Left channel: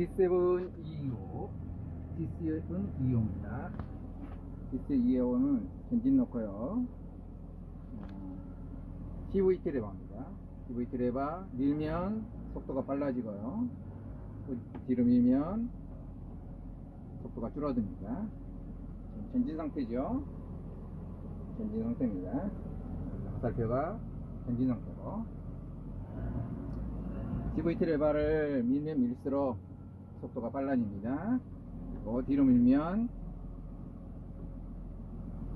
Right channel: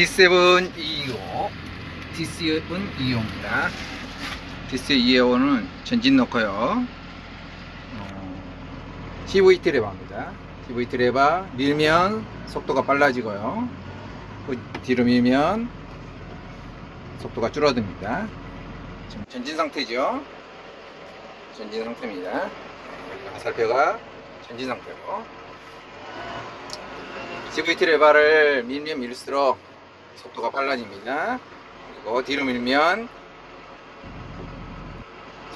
D7 225 D7 225입니다. D7 225는 전진 넣고요. 어, CVT 레바입니다. CVT 레바 밀면 속도가 빨라지고요. 그 뒤로 밀면 속도가 줄어듭니다. 지금 전진 상태죠. 전진 상태입니다. 가살표가 전진 상태로. CVT 레바를 밀면 밀수록 속도가 빨라집니다. 그리고 뒤로 밀면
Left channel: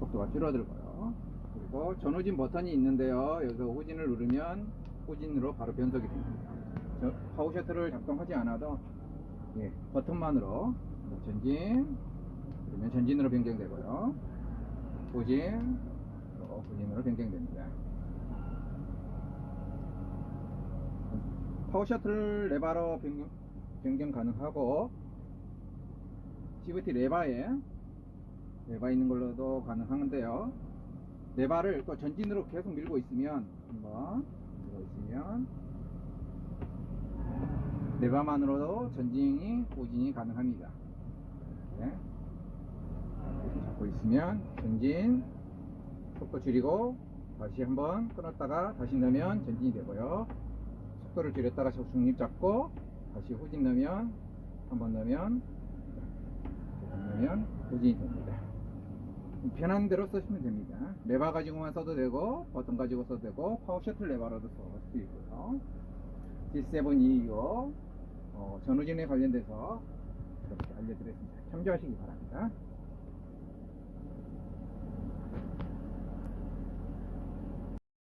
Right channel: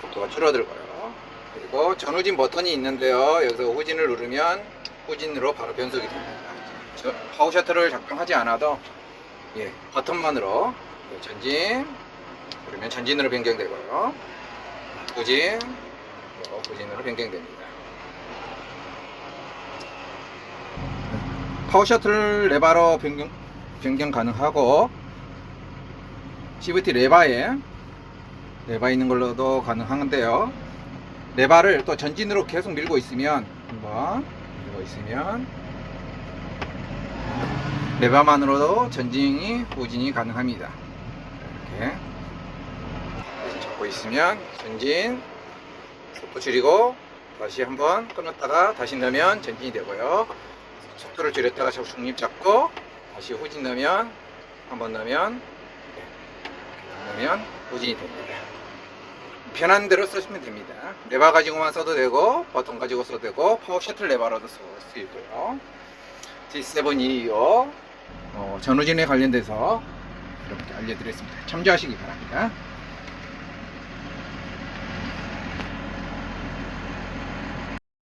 속도가 줄어들고요. 그리고 전후진 버튼이 있는데요. 여기서 후진을 누르면 후진으로 바로 변속이 됩니다. 저 파워 셔틀을 작동하지 않아도 예, 버튼만으로 전진 그러면 전진으로 변경되고요. 후진 후진으로 변경됩니다. 파워 셔틀 레바로 변경, 변경 가능하고 CVT 레바에 레바 있는 걸로도 가능한데요. 레바를 또 전진으로 계속 밀고 있으면 한번 밀고 있으면 레바만으로도 전진이 후진이 가능합니다. 이렇게 잡고 있으면 전진 속도 줄이고 다시 한번 끊었다가 다시 넣으면 전진이 되고요. 속도를 줄였다가 자꾸 중립 잡고 다시 후진 넣으면 한번 넣으면 네, 넣으면 후진이 됩니다. 편한 대로 쓰시면 됩니다. 레바 가지고만 써도 되고 버튼 가지고 써도 되고 파워 셔틀 레바로도 있고요. D725 어, 전후진에 관련돼서 여러분께 알려드렸습니다. 참조하시기 바랍니다.